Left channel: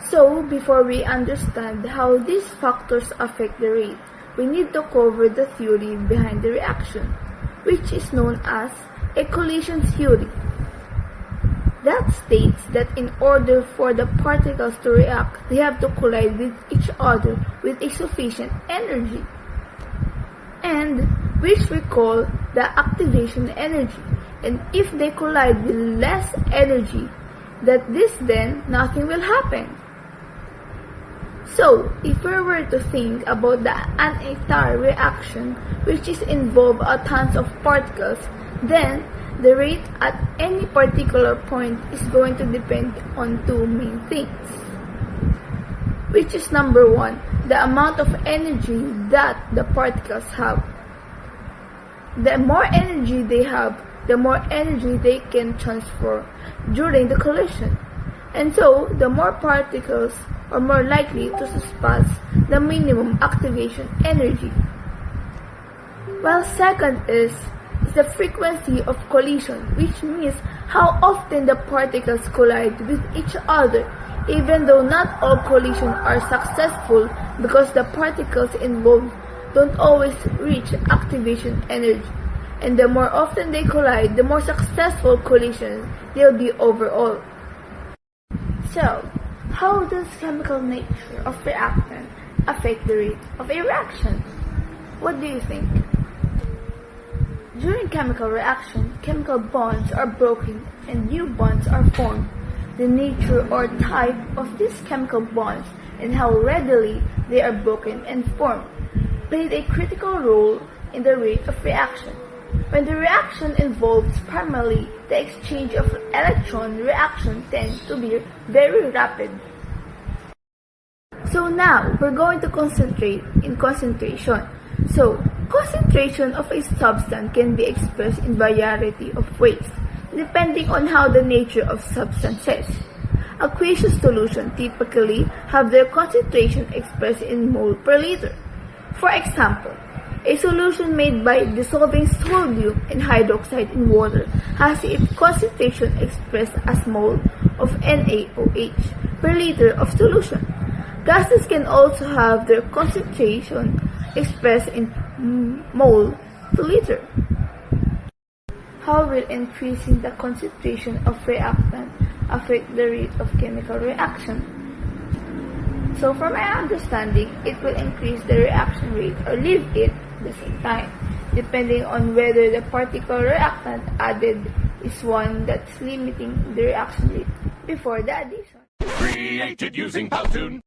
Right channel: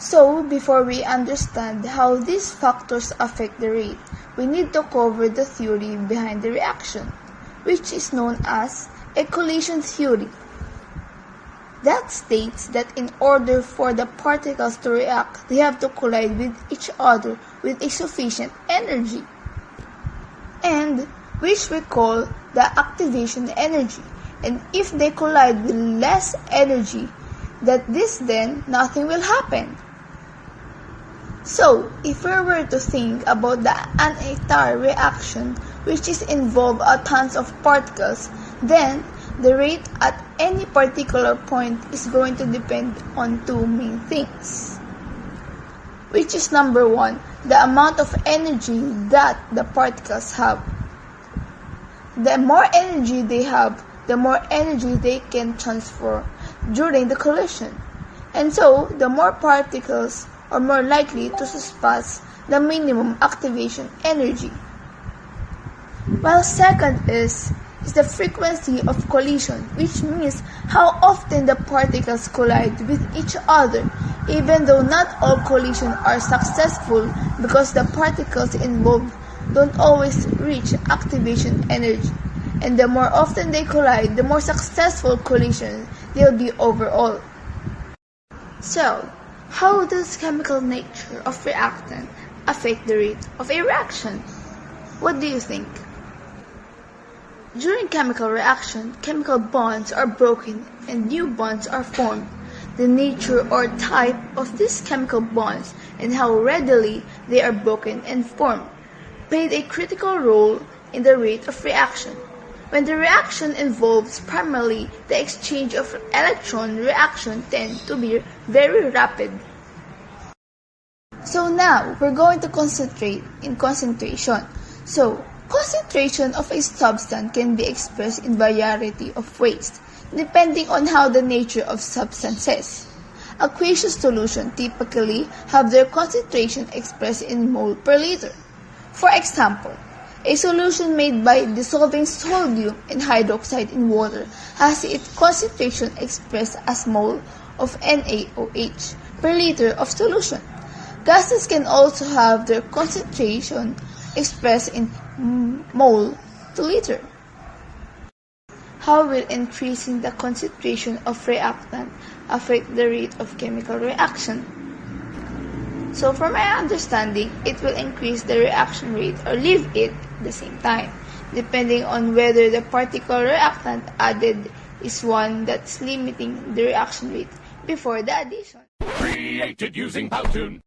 So, before we understand how these factors affect the rate, we need to cover the theory behind the reaction, which is known as a collision theory. That states that in order for the particles to react, they have to collide with each other with a sufficient energy, and which we call the activation energy. And if they collide with less energy than this, then nothing will happen. So, if we were to think about an entire reaction which is involve tons of particles, then the rate at any particular point is going to depend on two main things, which is number one, the amount of energy that the particles have. The more energy they have, the more energy they can transfer during the collision. And so, the more particles are more likely to surpass the minimum activation energy. While second is the frequency of collision, which means how often the particles collide with each other, even though not all collisions are successful because the particles involved don't always reach activation energy. And the more often they collide, the more successful collision they'll be overall. So, how does chemical nature of reactant affect the rate of a reaction? What do you think? During chemical reaction, chemical bonds are broken and new bonds are formed. The nature or type of these chemical bonds and how readily they are broken and formed played a critical role in the rate of reaction. When the reaction involves primarily the exchange of electron, reaction tend to be very rapid. So now, we're going to concentrate in concentration. So, concentration of a substance can be expressed in variety of ways, depending on how the nature of substance is. Aqueous solutions typically have their concentration expressed in mole per liter. For example, a solution made by dissolving sodium and hydroxide in water has its concentration expressed as mole of NaOH per liter of solution. Gases can also have their concentration expressed in mole to liter. How will increasing the concentration of reactant affect the rate of chemical reaction? So from my understanding, it will increase the reaction rate or leave it at the same time, depending on whether the particular reactant added is one that's limiting the reaction rate before the addition. Created using Powtoon.